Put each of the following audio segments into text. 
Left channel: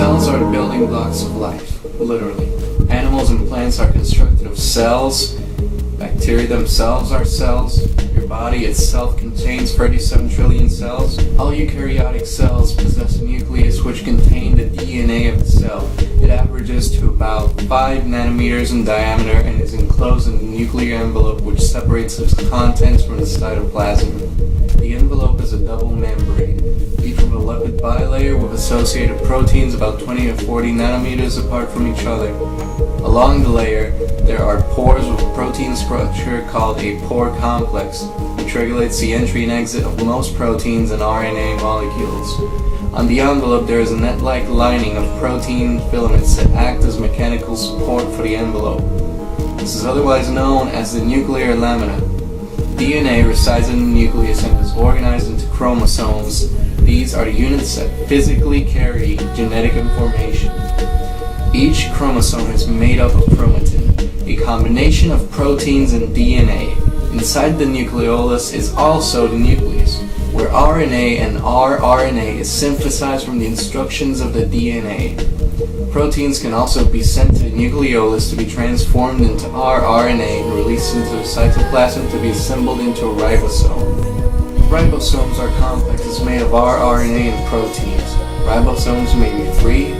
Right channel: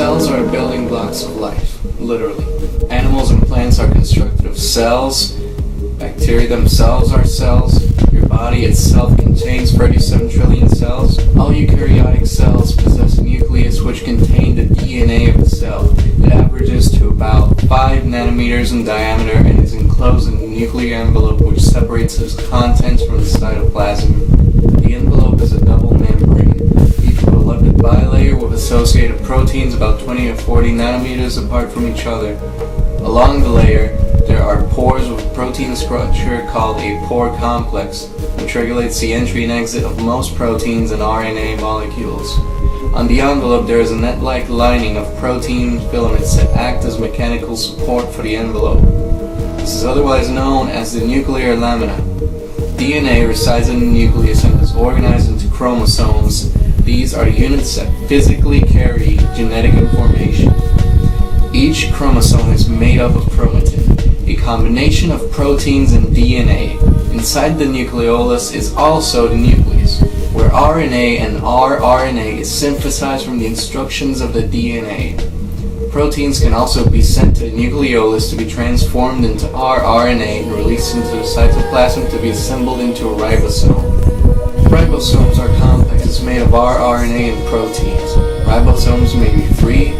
Cells are the building blocks of life, literally. Animals and plants are constructed of cells. Bacteria themselves are cells. Your body itself contains 37 trillion cells. All eukaryotic cells possess a nucleus which contains the DNA of the cell. It averages to about 5 nanometers in diameter and is enclosed in the nuclear envelope which separates its contents from the cytoplasm. The envelope is a double membrane, each with a lipid bilayer with associated proteins about 20 to 40 nanometers apart from each other. Along the layer, there are pores with a protein structure called a pore complex, which regulates the entry and exit of most proteins and RNA molecules. On the envelope, there is a net-like lining of protein filaments that act as mechanical support for the envelope. This is otherwise known as the nuclear lamina. DNA resides in the nucleus and is organized into chromosomes. These are the units that physically carry genetic information. Each chromosome is made up of chromatin, a combination of proteins and DNA. Inside the nucleolus is also the nucleus, where RNA and rRNA is synthesized from the instructions of the DNA. Proteins can also be sent to the nucleolus to be transformed into rRNA and released into the cytoplasm to be assembled into a ribosome. Ribosomes are complexes made of rRNA and proteins. Ribosomes may be free,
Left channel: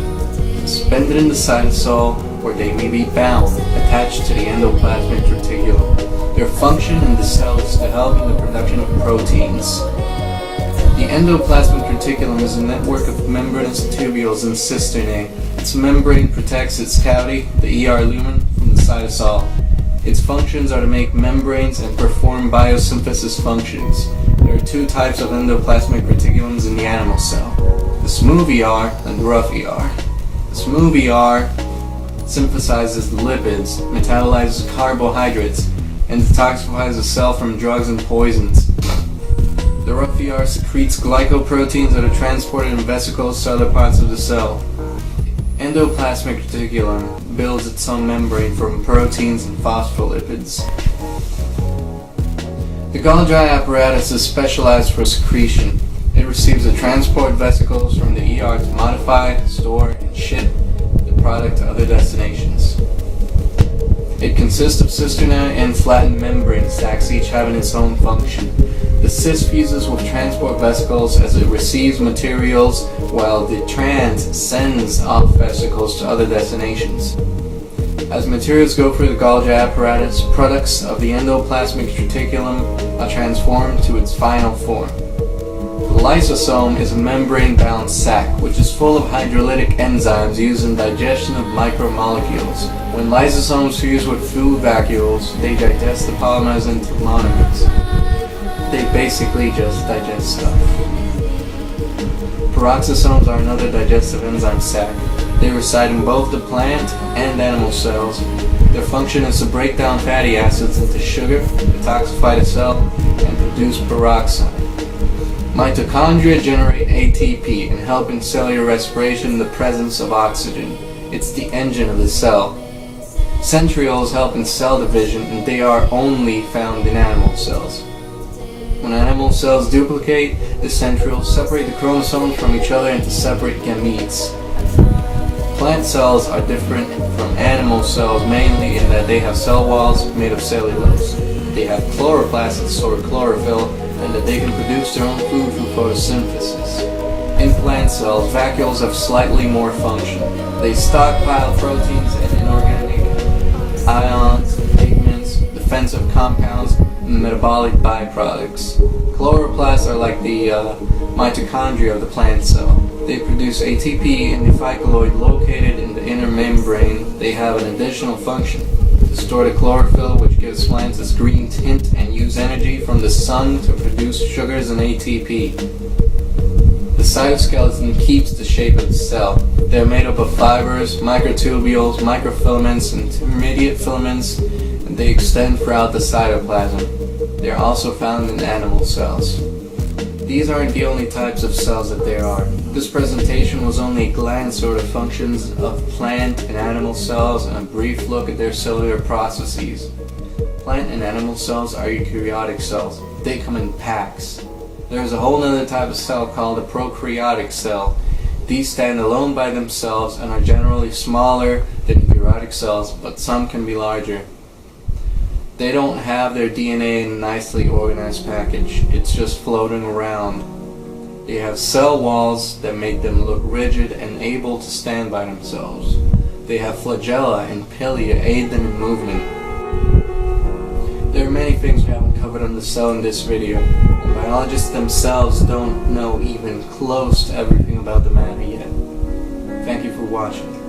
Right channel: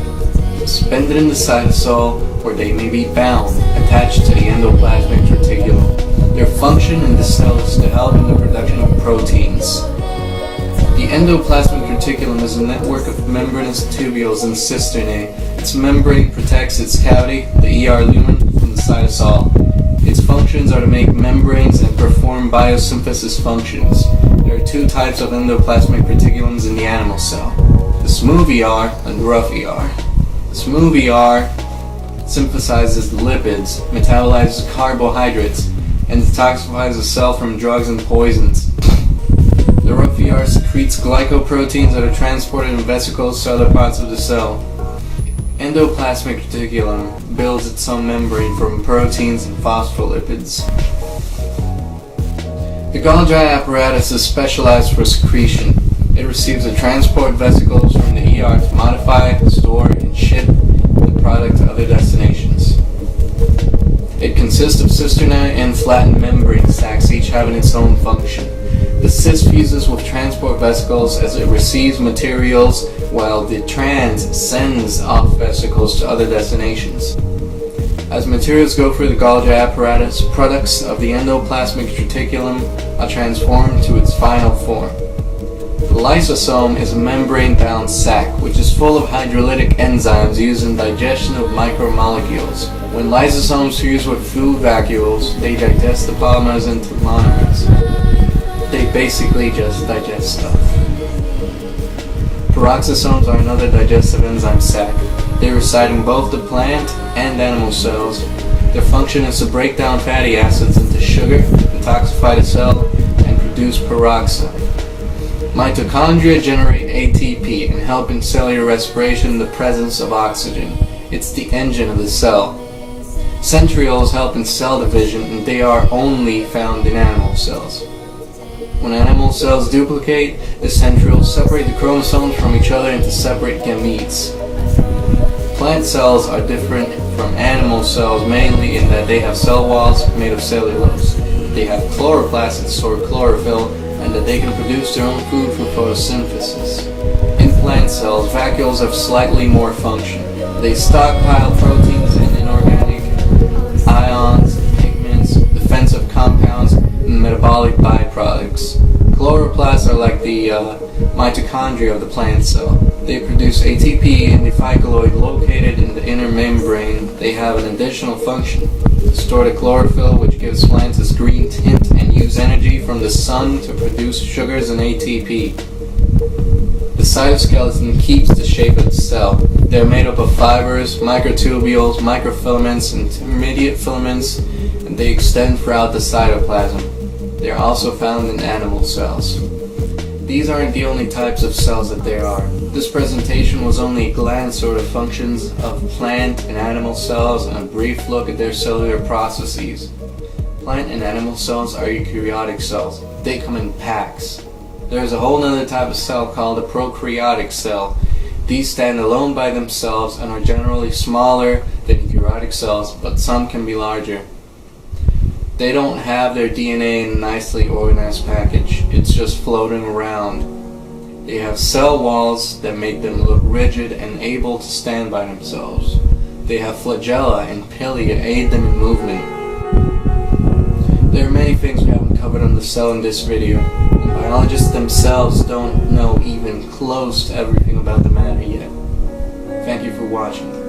suspended in the cytosol, or they may be bound, attached to the endoplasmic reticulum. Their function in the cell is to help in the production of proteins. The endoplasmic reticulum is a network of membranous tubules and cisternae. Its membrane protects its cavity, the ER lumen, from the cytosol. Its functions are to make membranes and perform biosynthesis functions. There are two types of endoplasmic reticulums in the animal cell, the smooth ER and the rough ER. The smooth ER synthesizes the lipids, metabolizes carbohydrates, and detoxifies the cell from drugs and poisons. The rough ER secretes glycoproteins that are transported in vesicles to other parts of the cell. Endoplasmic reticulum builds its own membrane from proteins and phospholipids. The Golgi apparatus is specialized for secretion. It receives the transport vesicles from the ER to modify, store, and ship the product to other destinations. It consists of cisternae and flattened membrane sacs, each having its own function. The cis fuses with transport vesicles as it receives materials, while the trans sends off vesicles to other destinations. As materials go through the Golgi apparatus, products of the endoplasmic reticulum are transformed to its final form. The lysosome is a membrane-bound sac, which is full of hydrolytic enzymes used in digestion of micromolecules. When lysosomes fuse with food vacuoles, they digest the polymers into monomers. They basically just digest stuff. Peroxisomes are another digestive enzyme sac. They reside in both the plant and animal cells. Their function is to break down fatty acids into sugar, detoxify the cell, and produce peroxide. Mitochondria generate ATP and help in cellular respiration in the presence of oxygen. It's the engine of the cell. Centrioles help in cell division, and they are only found in animal cells. When animal cells duplicate, the centrioles separate the chromosomes from each other into separate gametes. Plant cells are different from animal cells mainly in that they have cell walls made of cellulose. They have chloroplasts that store chlorophyll, and that they can produce their own food through photosynthesis. In plant cells, vacuoles have slightly more function. They stockpile proteins and inorganic ions, pigments, defensive compounds, and metabolic byproducts. Chloroplasts are like the mitochondria of the plant cell. They produce ATP in the phycoloid located in the inner membrane. They have an additional function: to store the chlorophyll, which gives plants its green tint, and use energy from the sun to produce sugars and ATP. The cytoskeleton keeps the shape of the cell. They are made up of fibers, microtubules, microfilaments, and intermediate filaments, and they extend throughout the cytoplasm. They are also found in animal cells. These aren't the only types of cells that there are. This presentation was only a glance over the functions of plant and animal cells and a brief look at their cellular processes. Plant and animal cells are eukaryotic cells. They come in packs. There is a whole other type of cell called a prokaryotic cell. These stand alone by themselves and are generally smaller than eukaryotic cells, but some can be larger. They don't have their DNA in a nicely organized package. It's just floating around. They have cell walls that make them look rigid and able to stand by themselves. They have flagella and pili to aid them in movement. There are many things we haven't covered on the cell in this video, and biologists themselves don't know even close to everything about the matter yet. Thank you for watching.